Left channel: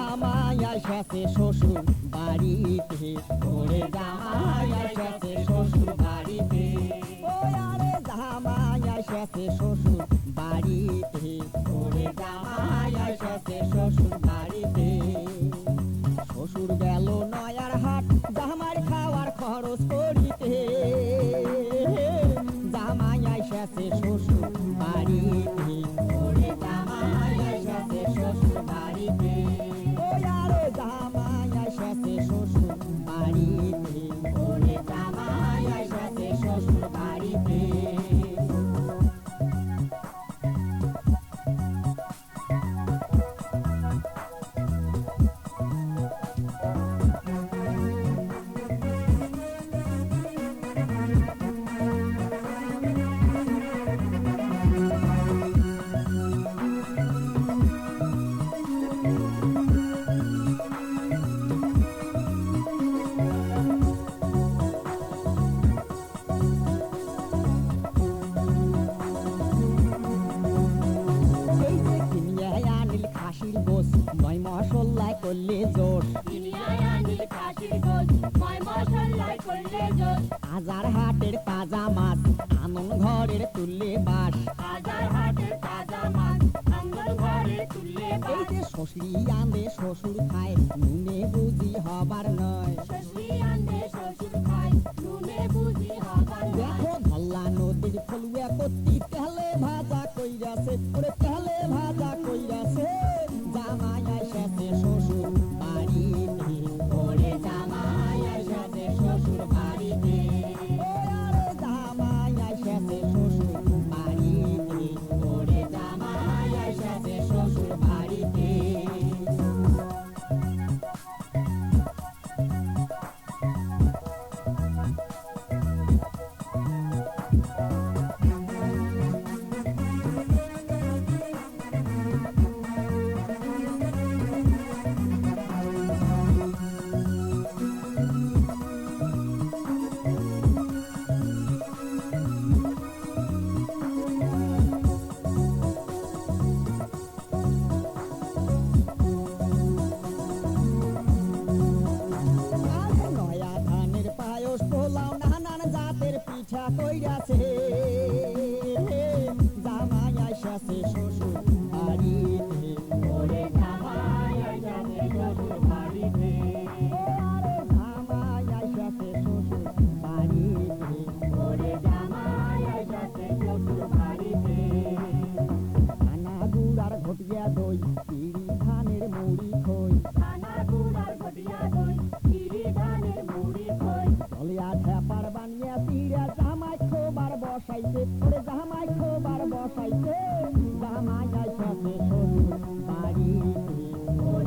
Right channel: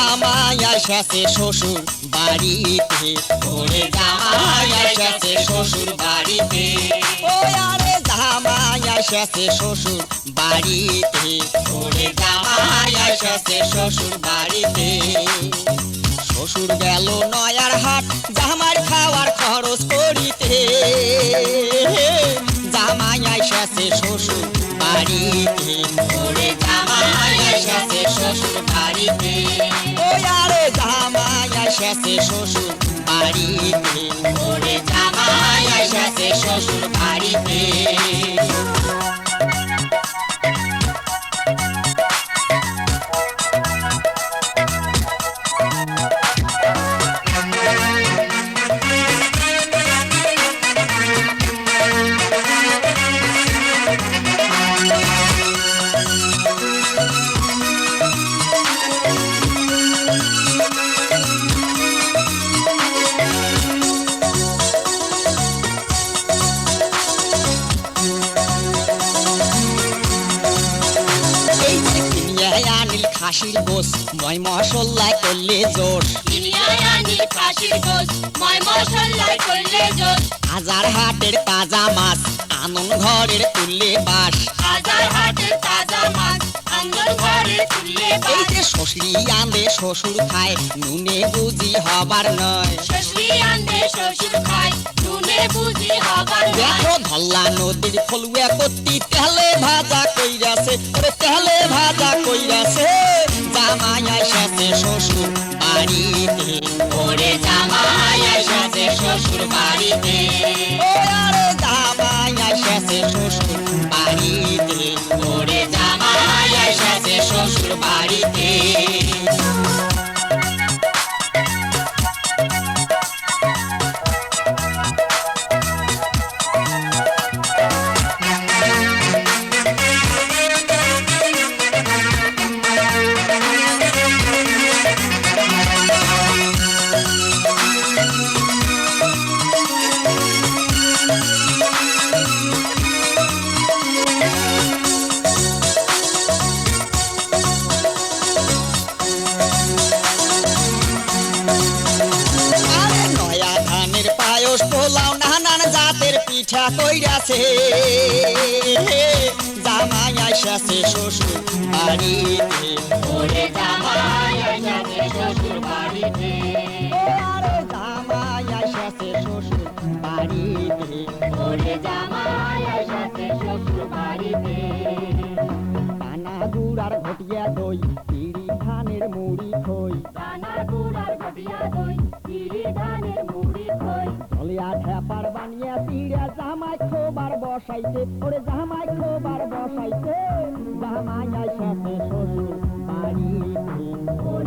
জামাই এসেছে শ্বশুর বাড়িতে। ওরে জামাই এসেছে শ্বশুর বাড়িতে। ও আরে জামাই এসেছে শ্বশুর বাড়িতে। ওরে জামাই এসেছে শ্বশুর বাড়িতে। শ্বশুর গেল নয়ার হাট জামার খাওয়ার খরচ করিতে। জামাই এসেছে শ্বশুর বাড়িতে। ওরে জামাই এসেছে শ্বশুর যে কিনিয়ে আনিল খাসির গোস ময় মশল্লায় করলে জোর হাজার হাটের তাজা মাছ আনন ঘরের তুললে বাস। হাজার হাটের তাজা মাছ আঙ্গল এই যে শ্বশুরি আনলে শ্বশুর খায় নুনে বুঝি হবার নয়। শ্বশুর খায় নুনে বুঝি হবার নয়। দেখো ধল্লা নদীর ফলুয়া কত্তি তেলে ভাজা কইরাছে পিঠা কইরাছে জামাই আইসাছে শ্বশুর বাড়িতে। ওরে জামাই আইসাছে শ্বশুর বাড়িতে। ও আরে জামাই আইসাছে শ্বশুর বাড়িতে। ওরে জামাই আইসাছে শ্বশুর বাড়িতে। পানা গুড়ার ঘটিয়া দই পিড়ি ধানের মুড়ি খই। বসাইছে। ওরে জামাই খোবার বসাইছে। জামাই আইসাতে শ্বশুর বাড়িতে।